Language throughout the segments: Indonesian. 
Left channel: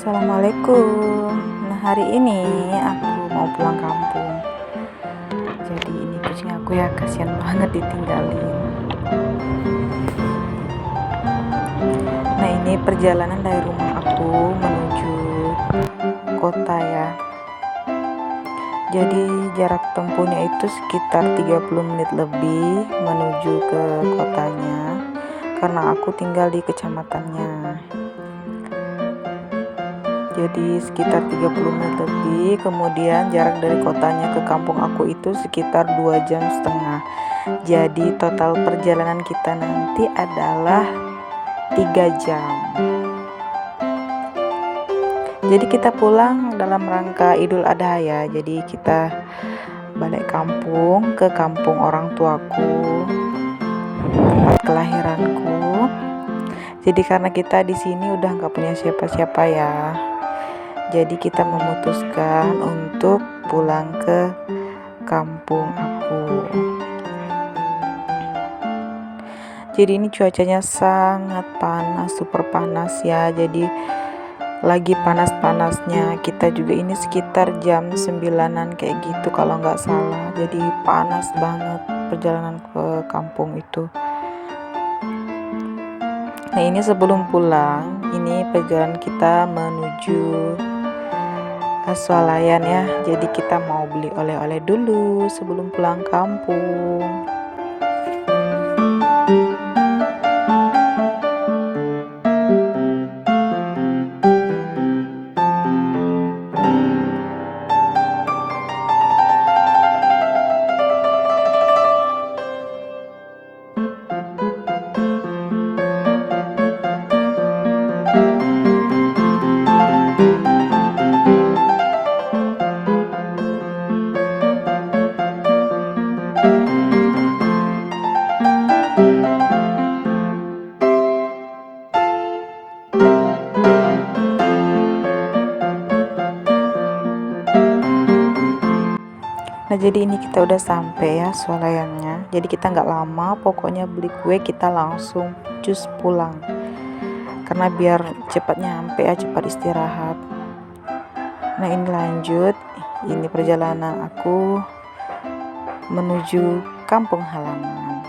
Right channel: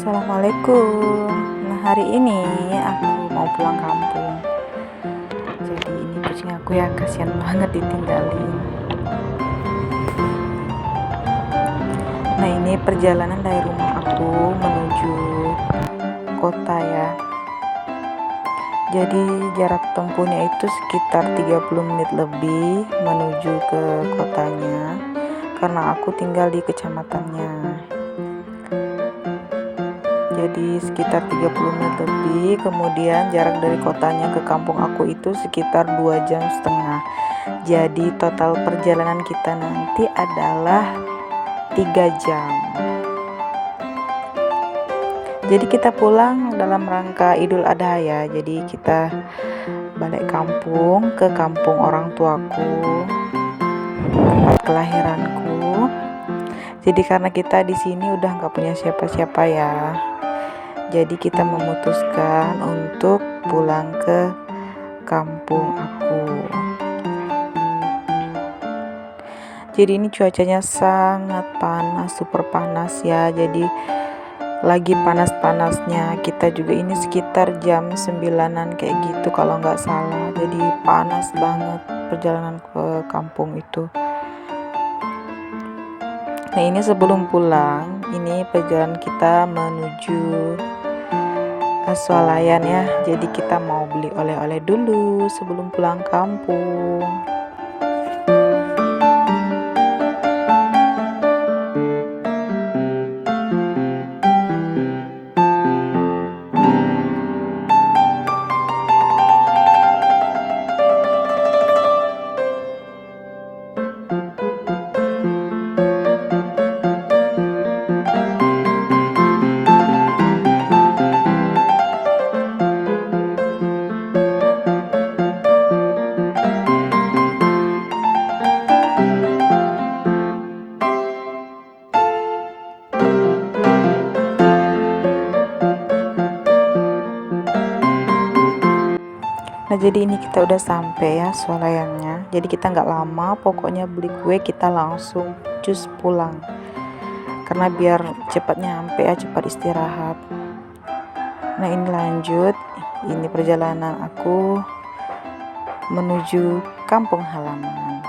Assalamualaikum. Nah, hari ini aku mau pulang kampung. Jadi ini kucing aku ya, kasihan banget ditinggalin. Nah, ini perjalanan dari rumah aku menuju kota ya. Jadi jarak tempuhnya itu sekitar 30 menit lebih menuju ke kotanya, karena aku tinggal di kecamatannya. Jadi sekitar 30 menit lebih. Kemudian jarak dari kotanya ke kampung aku itu sekitar 2,5 jam. Jadi total perjalanan kita nanti adalah 3 jam. Jadi kita pulang dalam rangka Idul Adha ya. Jadi kita balik kampung ke kampung orang tuaku, tempat kelahiranku. Jadi karena kita di sini udah nggak punya siapa-siapa ya, jadi kita memutuskan untuk pulang ke kampung aku. Jadi ini cuacanya sangat panas, super panas ya. Jadi lagi panas-panasnya. Kita juga ini sekitar jam 9-an kayak gitu kalau nggak salah. Jadi panas banget perjalanan ke kampung itu. Nah, ini sebelum pulang, ini perjalanan kita menuju swalayan ya. Jadi kita mau beli oleh-oleh dulu sebelum pulang kampung. Nah, jadi ini kita udah sampai ya swalayannya. Jadi kita nggak lama, pokoknya beli kue kita langsung cus pulang. Karena biar cepat nyampe ya, cepat istirahat. Nah, ini lanjut. Ini perjalanan aku menuju kampung halaman.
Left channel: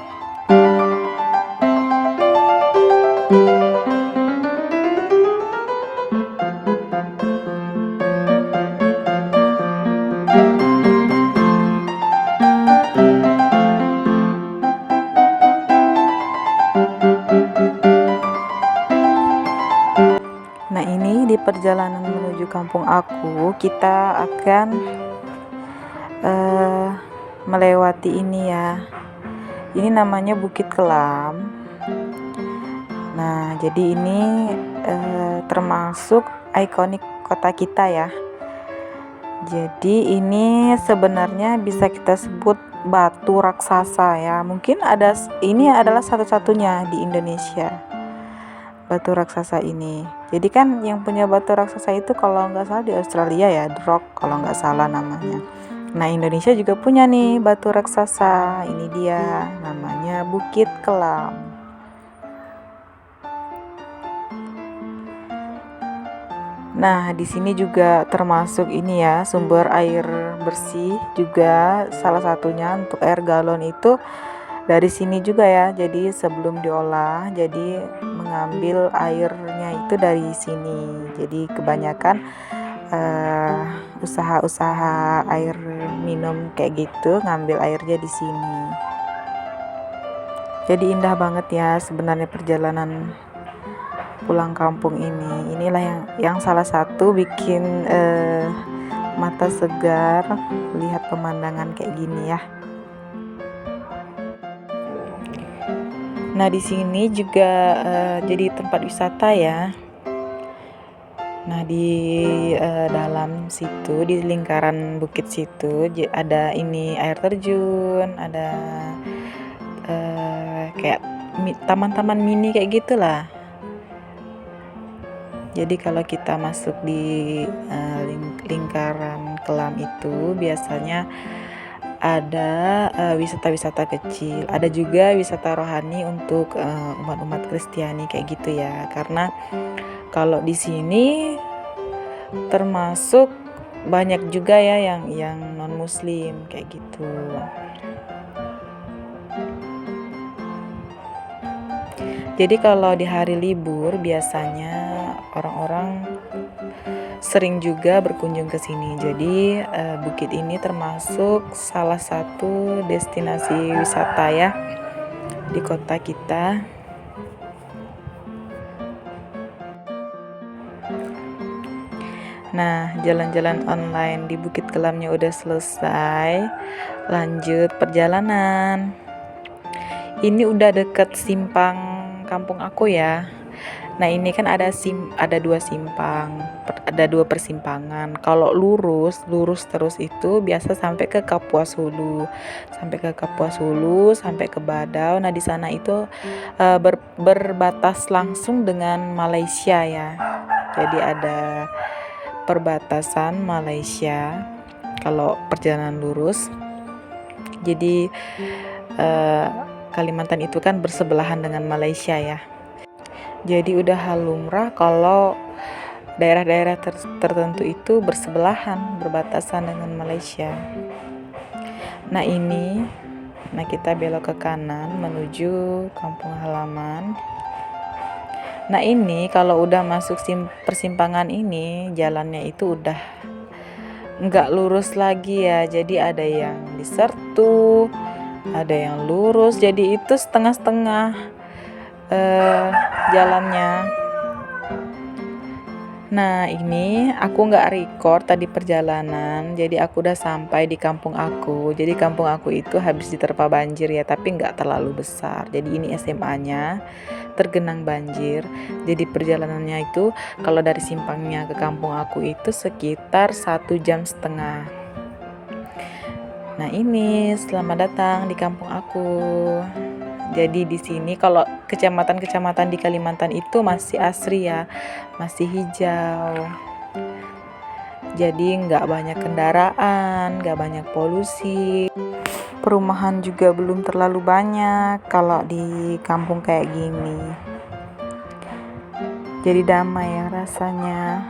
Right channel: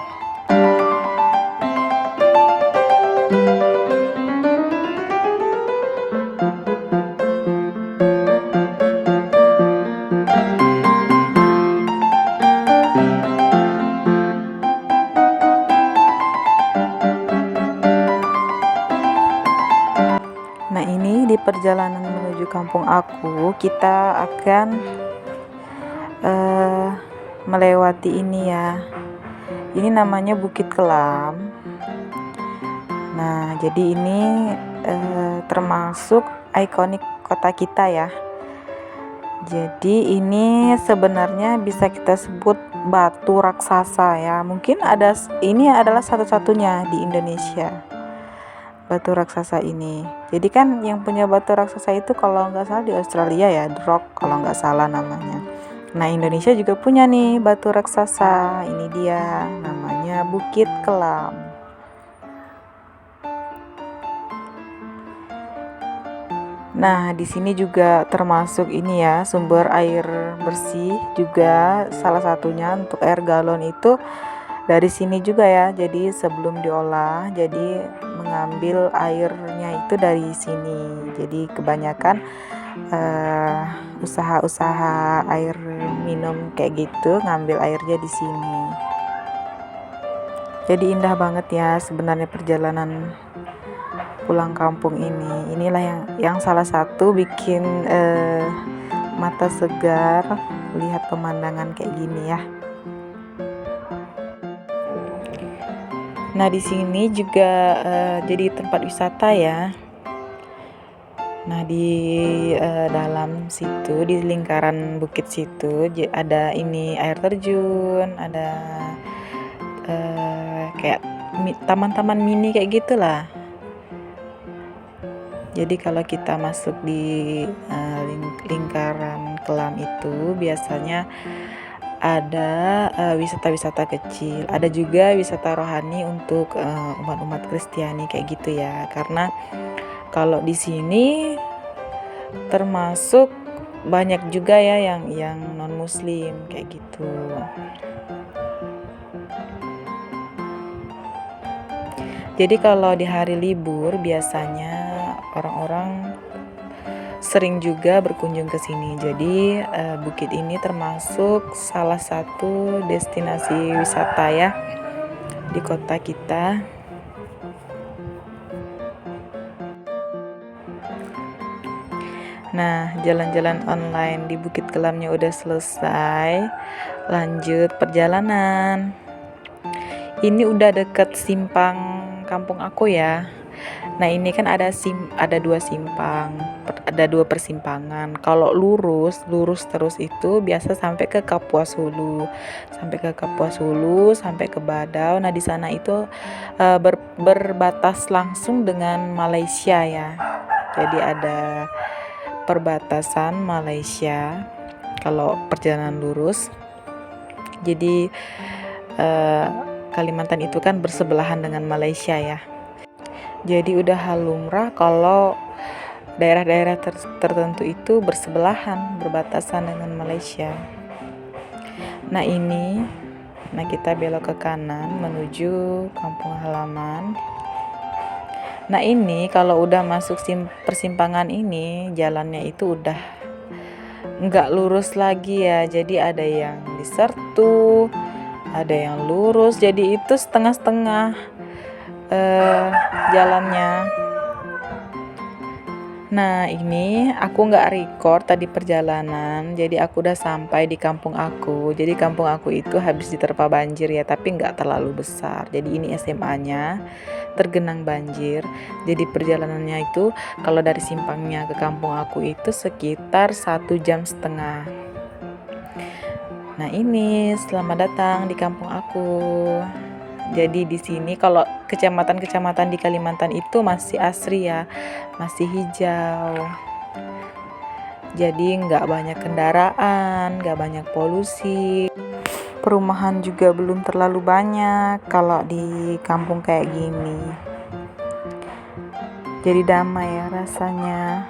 Nah, ini di perjalanan menuju kampung aku, kita akan melewati ini ya. Ini namanya Bukit Kelam. Nah, jadi ini termasuk ikonik kota kita ya. Jadi ini sebenarnya bisa kita sebut batu raksasa ya. Mungkin ini adalah satu-satunya di Indonesia. Batu raksasa ini. Jadi kan yang punya batu raksasa itu kalau nggak salah di Australia ya, The Rock kalau nggak salah namanya. Nah, Indonesia juga punya nih batu raksasa. Ini dia, namanya Bukit Kelam. Nah, di sini juga termasuk ini ya, sumber air bersih juga salah satunya untuk air galon itu dari sini juga ya. Jadi sebelum diolah, jadi mengambil airnya itu dari sini. Jadi kebanyakan usaha-usaha air minum kayak gitu ngambil airnya di sini. Jadi indah banget ya sebenarnya perjalanan pulang kampung ini. Inilah yang salah satu bikin mata segar lihat pemandangan kayak gini ya. Nah, di sini juga jadi tempat wisata ya. Nah, di dalam situ, di lingkaran bukit situ ada ini air terjun, ada kayak taman-taman mini kayak gitulah. Jadi kalau kita masuk di lingkaran kelam itu biasanya ada wisata-wisata kecil, ada juga wisata rohani untuk umat-umat Kristiani kayak gitu ya. Karena kalau di sini termasuk banyak juga ya yang non muslim kayak gitu. Jadi kalau di hari libur biasanya orang-orang sering juga berkunjung ke sini. Jadi bukit ini termasuk salah satu destinasi wisata ya di kota kita. Nah, jalan-jalan online di Bukit Kelamnya udah selesai. Lanjut perjalanan. Ini udah deket simpang kampung aku ya. Nah, ini kan ada dua simpang, ada dua persimpangan. Kalau lurus terus itu biasa sampai ke Kapuas Hulu. Sampai ke Badau. Nah, di sana itu berbatas langsung dengan Malaysia ya. Jadi ada perbatasan Malaysia kalau perjalanan lurus. Jadi Kalimantan itu kan bersebelahan dengan Malaysia ya. Jadi udah hal lumrah kalau daerah-daerah tertentu itu bersebelahan, berbatasan dengan Malaysia. Nah kita belok ke kanan menuju kampung halaman. Nah ini kalau udah masuk persimpangan ini, jalannya itu udah nggak lurus lagi ya. Jadi ada yang disertu, ada yang lurus. Jadi itu setengah-setengah jalannya. Nah ini aku nggak record tadi perjalanan, jadi aku udah sampai di kampung aku. Jadi kampung aku itu habis diterpa banjir ya, tapi nggak terlalu besar. Jadi ini SMA-nya tergenang banjir. Jadi perjalanannya itu kalau dari simpangnya ke kampung aku itu sekitar 1,5 jam. Nah ini selamat datang di kampung aku. Jadi di sini kalau kecamatan-kecamatan di Kalimantan itu masih asri ya, masih hijau. Jadi nggak banyak kendaraan, nggak banyak polusi. Perumahan juga belum terlalu banyak kalau di kampung kayak gini. Jadi damai ya rasanya.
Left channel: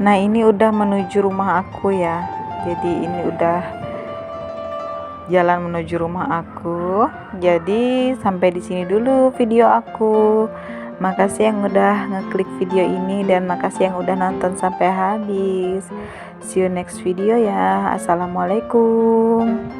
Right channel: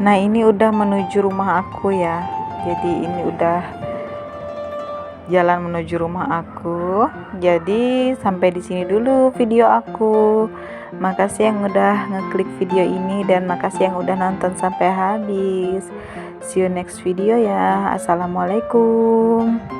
Nah ini udah menuju rumah aku ya. Jadi ini udah jalan menuju rumah aku. Jadi sampai di sini dulu video aku. Makasih yang udah ngeklik video ini dan makasih yang udah nonton sampai habis. See you next video ya. Assalamualaikum.